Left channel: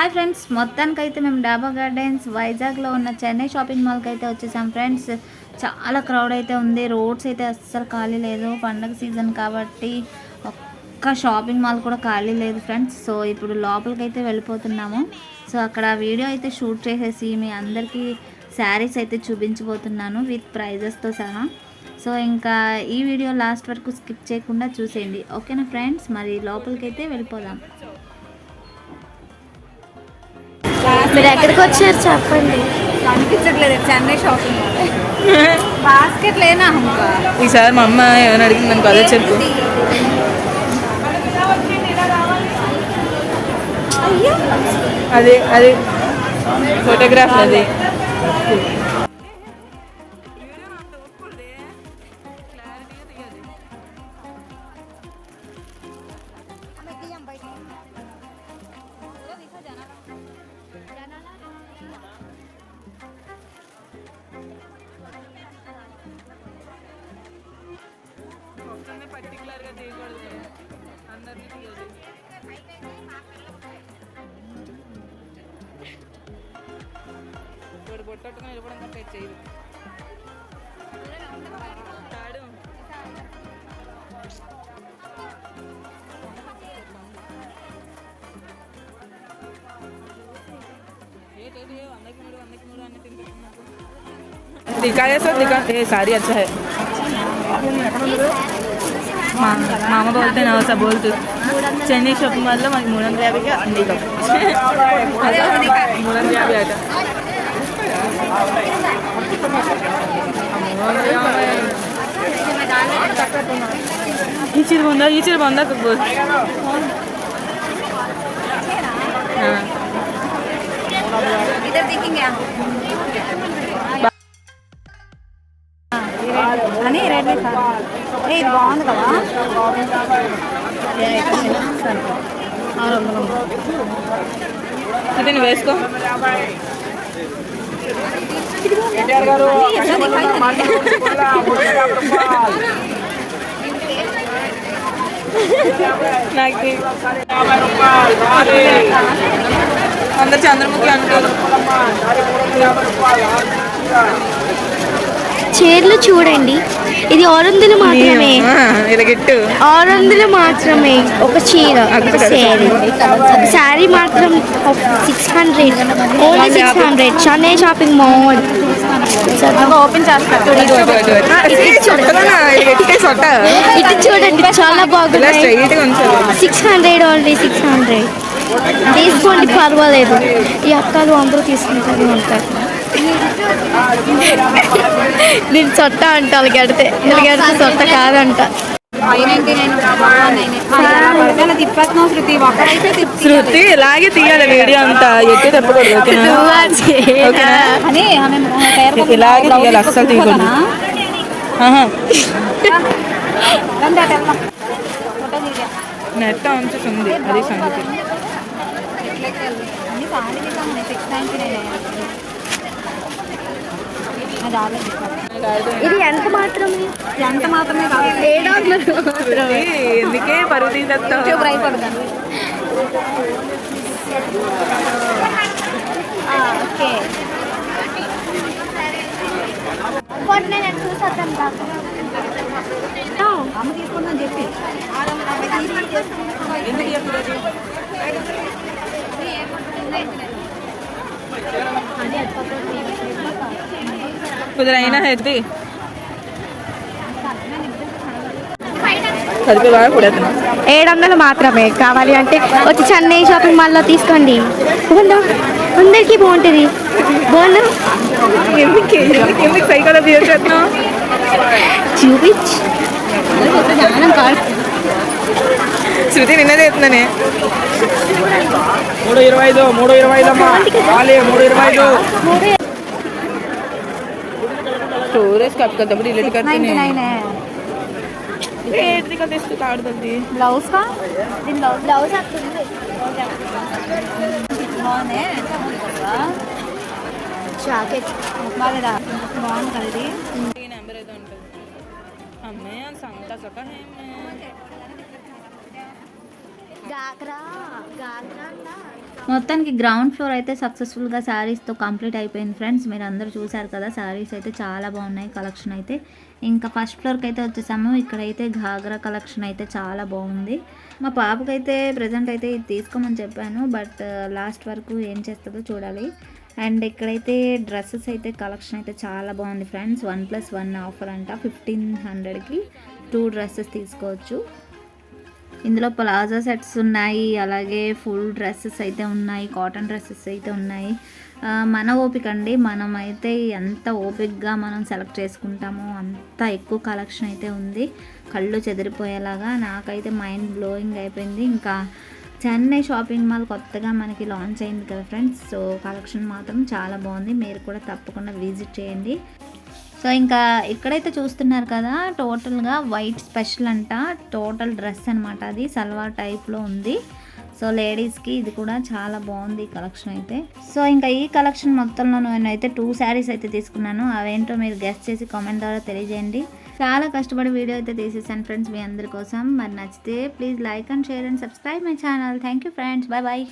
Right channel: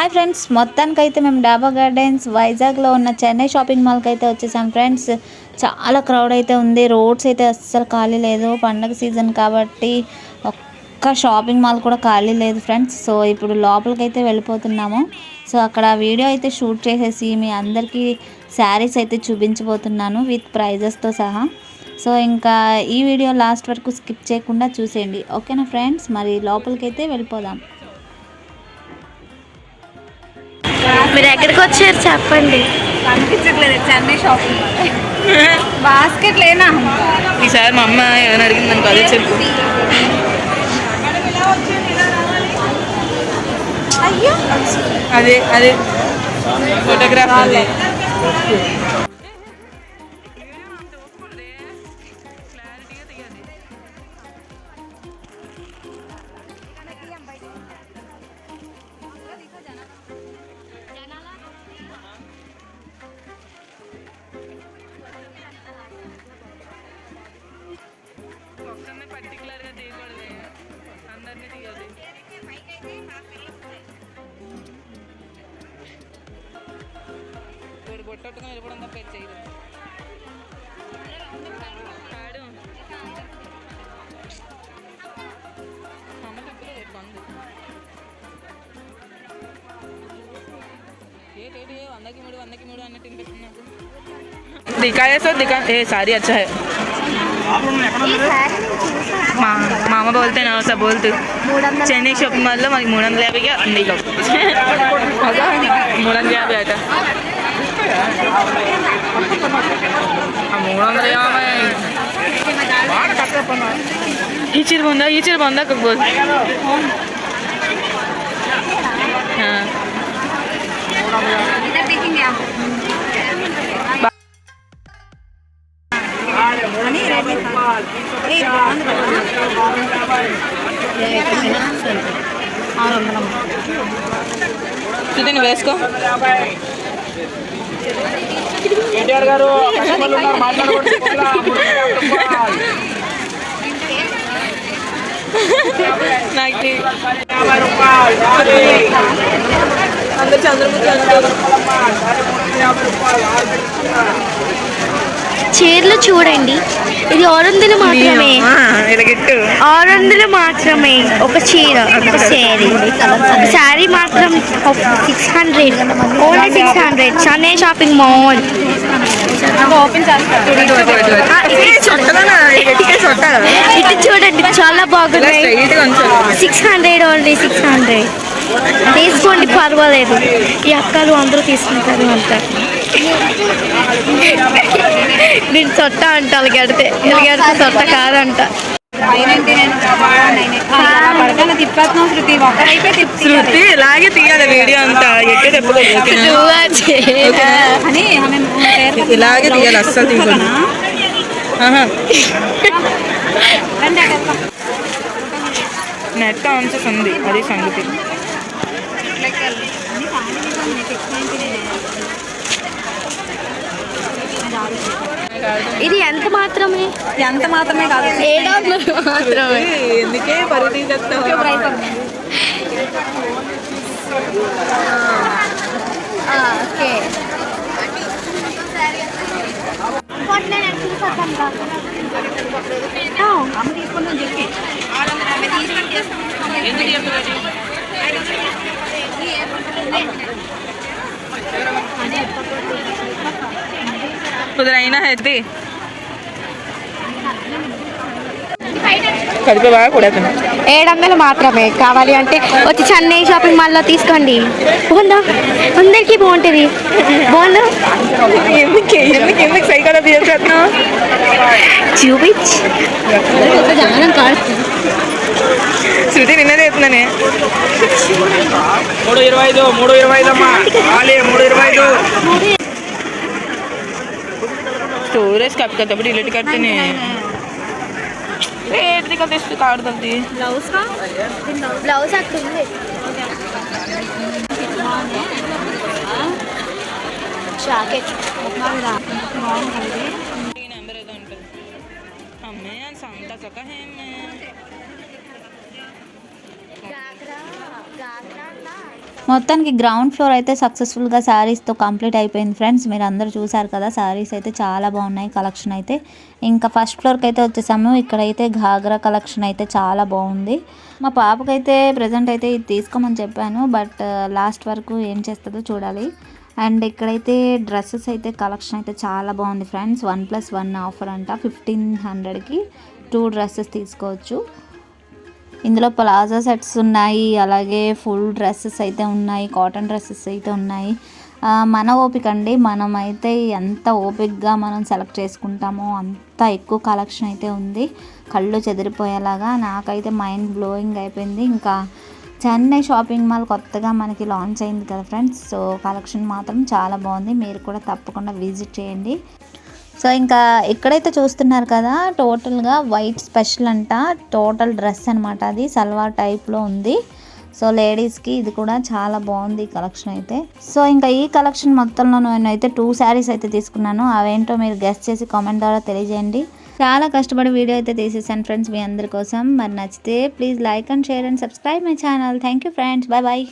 Hi friends, మొత్తానికైతే మేము డాబా గార్డెన్స్ వైజాగ్లో ఉన్న చెన్నై షాపింగ్ మాల్కి అయితే వచ్చేసాం ఫ్రెండ్స్. చాలా క్రౌడ్ అయితే ఉంది. రోడ్స్ అయితే అస్సలు ఖాళీ లేదు. పండగ సీజన్ కాబట్టి ఒక్క షాపింగ్ మాల్ కూడా ఖాళీ లేదు ఫ్రెండ్స్. సో ఇప్పుడు లోపలికి అయితే వెళ్ళిపోతున్నాము. సో అక్కడ వీడియో అయితే షూట్ చేసేసి మీ అందరికీ శారీస్ అయితే చూపించబోతున్నాను విత్ ప్రైజెస్తో సహా. సో ఇంకా ఈ వీడియో లాస్ట్ వరకు స్కిప్ చేయకుండా చూసేయండి, ఓకేనా ఫ్రెండ్స్. మరి లోపలికి అయితే వెళ్ళిపోదాం. మీరు ఎక్కడికి వచ్చారు చెప్పండి. కనిపించట్లేదు చెన్నై షాపింగ్ మాల్. బాస్కెట్ లేనా ఈసారి మా అమ్మ ఏమైనా అడిగింది మనకు అదే చెప్పు. అయ్యో అదే అదే ఫోటోగ్రాఫ్ అదే. పర్టికులర్గా తీయకూడదు, అందరినీ తీయదు. ఇప్పుడు బొట్టట్టుకుని నిలబడం తప్ప చేయదు. ఆడు వందకి మూడు అన్నట్టు తినిపెట్టినట్టు. दिखाए सो दिखा ए सारी अच्छा है. मामा बोलते ना वैसा बोलते. चेन्नई शॉपिंग मॉल में 350 अंडीलो 350 आटा 350 ఈ చీర బాగుందా కక్బోల్. ఇది వేసుకో. నాకు అందరు చంద్రముఖి అనుకోరు. చీరలు చూడండి, ఇది 600 మాత్రమే. 600 మాత్రమే ఒక చీర, ఒక శారీ మాత్రం 600, only 600. Chennai shopping mall. Open ఇటు చూడండి, చాలా బాగున్నాయి. 600, ఓన్లీ 600. తీసుకోండి, పర్వాలేదు. ఈ అక్కలు అందరూ తీసుకుంటారు అంటారు. దీని చొట్ట అంట, ఎలాగడితే చొట్ట కాదంట. శృతి ఇలాగే తీయాలి వీడియో అంతా, ఎట్టి చెప్పకూడదు. ఇలాగే తీయాలి, అస్సలు తీయకూడదు. నెట్ ఆన్సెస్ ఉంది, అది సంగతి. ఇది ఎంత మాత్రమే కాదు, 700 మాత్రమే. ఎందుకే పరుగు తీసేస్తావు. ఓకే, చూసొద్దాం కాదు. అమ్మ తీసుకుందాం చెప్పి उधर आई ना है दी కలిపి బాగా కూడా 700 మాత్రమే. కావాలి అంటే వచ్చి చెన్నై షాపింగ్ మాల్లో తీసుకోండి. బాగుందా? అందరికీ బాగుంటుంది. బాగుందా? ఎందుకు సైకిల్ బిహేవ్ చేస్తున్నావు? చూపించి శృతి నిన్నదే ఎత్తున్నానే. 325 स्टोरेज कब करता बड़ी डिलीट करते नहीं रेट निकलते इसकी कार्ड दलती ब्लाउज का ब्लाउज జాకెట్ బాగా బాగుంటుంది. నెంబర్ ఏదో ఉంటుంది అమ్మే సంత సక మొత్తానికి గ్రౌండ్ ఫ్లోర్ అయితే సక్సెస్ఫుల్గా శారీస్తో కంప్లీట్ అయిపోయింది ఫ్రెండ్స్. మీరు అందరూ చూసారు కదా, శారీస్ అయితే చాలా బాగున్నాయి కలెక్షన్ అయితే. ఇంకా ఫస్ట్ ఫ్లోర్కి అయితే వచ్చేసాము. ఇక్కడైతే ఘాగ్రా కలెక్షన్ అయితే చాలా బాగుంది. మా పాపకైతే ప్రజెంట్ అయితే ఇది తీసుకోమని చెప్పాను, బట్ లాస్ట్ వరకు ఏం చేస్తుందో చూడాలి. అండ్ ఇక్కడైతే డ్రెస్సెస్ అయితే కలెక్షన్ అయితే చాలా బాగుంది ఫ్రెండ్స్. 1+1 ఆఫర్ అంట. 1500కి 2 డ్రెస్సెస్ తీసుకోవచ్చు. ఇందులో ప్లాజో సెట్స్ ఉన్నాయి, అలాగే ఫుల్ డ్రెస్సెస్ అయితే ఉన్నాయి, కాటన్ డ్రెస్సెస్ అయితే ఉన్నాయి. మన ఓపిక అండి, మనమైతే ఎంత ఓపికగా మనం సెలెక్ట్ చేసుకుంటామో అంత ఎక్కువ కలెక్షన్ అయితే ఉంది. కళ్ళు చెదిరిపోయేలాగా నాకైతే మైండ్ బ్లోయింగ్ అయిపోయింది. ఇంకా చెన్నై షాపింగ్ మాల్ కొత్తగా మనకి లాంచ్ అయింది కదా ఫ్రెండ్స్. సో కలెక్షన్ మాత్రం చాలా బాగుంది, మీరు కూడా తప్పకుండా విజిట్ చేయండి. సో ఇంకా ఇక్కడైతే చూస్తున్నారు కదా, టోటల్గా వైట్ స్పెషల్ అంట. టోటల్ డ్రెస్ అనమాట, అది సల్వార్ టైప్లో ఉంది. సో లేడీస్కి ఇది కూడా చాలా బాగుంది ఈ కలెక్షన్ అయితే. సో ఇంకా ఈ కలెక్షన్ మొత్తంలో నేనైతే 2 శారీస్ అయితే తీసుకున్నాను. అవేంటో మీరు గెస్ట్ చేసి కామెంట్ ద్వారా తెలియజేయండి. చాలా కష్టపడి వీడియో అయితే తీసేసాను ఫ్రెండ్స్ మీ అందరి కోసం. మరి నచ్చితే please like and share and subscribe my channel. Thank you friends, bye bye.